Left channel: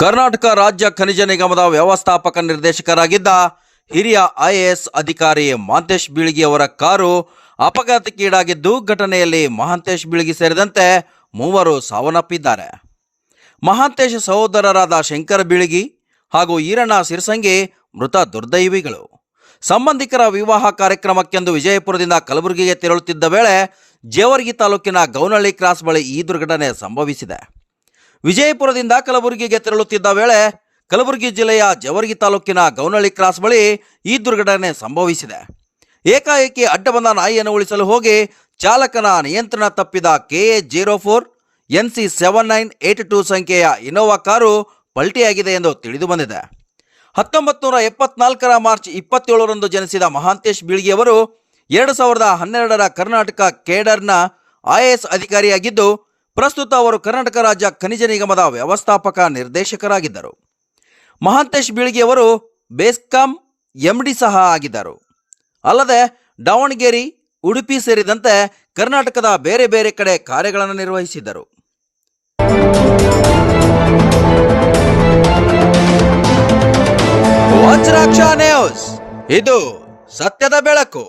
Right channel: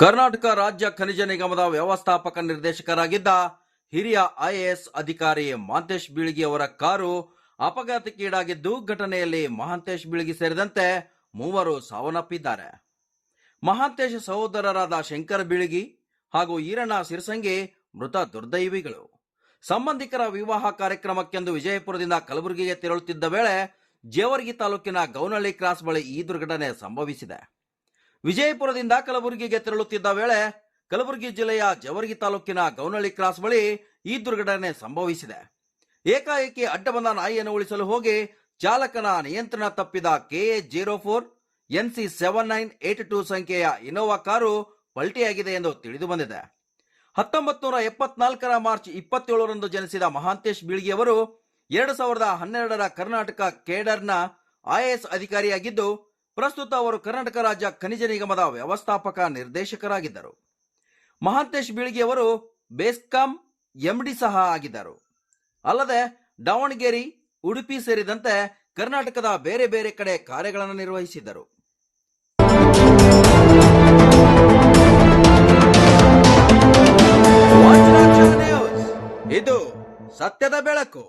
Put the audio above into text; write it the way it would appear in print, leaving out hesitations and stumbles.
ಕರ್ನಾಟಕ ರಾಜ್ಯ ಖನಿಜ ನಿಗಮದ ವ್ಯವಸ್ಥಾಪಕ ನಿರ್ದೇಶಕರಾಗಿದ್ದ ಹಿರಿಯ ಐಎಎಸ್ ಅಧಿಕಾರಿ ಮಹಾಂತೇಶ್ ಬೀಳಗಿ ಅವರ ಕಾರು ಅಪಘಾತಕ್ಕೀಡಾಗಿದ್ದು, ಘಟನೆಯಲ್ಲಿ ಮಹಾಂತೇಶ್ ಬೀಳಗಿ ಸೇರಿದಂತೆ ಮೂವರು ಸಾವನ್ನಪ್ಪಿದ್ದಾರೆ. ಮಹಾಂತೇಶ್ ಸಹೋದರರಾದ ಶಂಕರ ಬೀಳಗಿ ಹಾಗೂ ಈರಣ್ಣ ಸಿರಸಂಗಿ ಮೃತ ದುರ್ದೈವಿಗಳು. ಸಂಬಂಧಿಕರ ವಿವಾಹ ಕಾರ್ಯಕ್ರಮಕ್ಕೆಂದು ವಿಜಯಪುರದಿಂದ ಕಲಬುರಗಿಗೆ ತೆರಳುತ್ತಿದ್ದ ವೇಳೆ ಜೇವರ್ಗಿ ತಾಲೂಕಿನ ಗೌನಹಳ್ಳಿ ಕ್ರಾಸ್ ಬಳಿ ಈ ದುರ್ಘಟನೆ ಸಂಭವಿಸಿದೆ. ವಿಜಯಪುರದಿಂದ ಕಲಬುರಗಿಗೆ ತೆರಳುತ್ತಿದ್ದ ವೇಳೆ ಕಲಬುರಗಿ ಜಿಲ್ಲೆಯ ಜೇವರ್ಗಿ ತಾಲೂಕಿನ ಗೌನಹಳ್ಳಿ ಕ್ರಾಸ್ ಬಳಿ ಈ ದುರ್ಘಟನೆ ಸಂಭವಿಸಿದೆ. ಏಕಾಏಕಿ ಅಡ್ಡ ಬಂದ ನಾಯಿಯನ್ನು ಉಳಿಸಲು ಹೋಗಿ ಚಾಲಕನ ನಿಯಂತ್ರಣ ತಪ್ಪಿದ KA04 NC 7982 ಸಂಖ್ಯೆಯ ಇನೋವಾ ಕಾರು ಪಲ್ಟಿಯಾಗಿದೆ ಎಂದು ತಿಳಿದು ಬಂದಿದೆ. 1974ರ ಮಾರ್ಚ್ 27ರಂದು ಜನಿಸಿದ ಮಹಾಂತೇಶ್ ಬೀಳಗಿ ಅವರು 2012ರ ಕರ್ನಾಟಕ ಕೇಡರ್ನ IAS ಅಧಿಕಾರಿಯಾಗಿದ್ದು, ಪ್ರಸ್ತುತ ಅವರು ಕರ್ನಾಟಕ ರಾಜ್ಯ ಖನಿಜ ನಿಗಮದ ವ್ಯವಸ್ಥಾಪಕ ನಿರ್ದೇಶಕರಾಗಿದ್ದರು. ಮಹಾಂತೇಶ್ ಬೀಳಗಿ ಅವರು ಬೆಸ್ಕಾಂ MD ಸಹ ಆಗಿದ್ದರು. ಅಲ್ಲದೆ ದಾವಣಗೆರೆ, ಉಡುಪಿ ಸೇರಿದಂತೆ ಕರ್ನಾಟಕದ ಬೇರೆ ಬೇರೆ ಕಡೆ ಕಾರ್ಯಗಳನ್ನು ನಿರ್ವಹಿಸಿದ್ದರು. ವಜ್ರಾಕ್ಷ ನ್ಯೂಸ್, ಇದು ಸತ್ಯದ ಬೆಳಕು.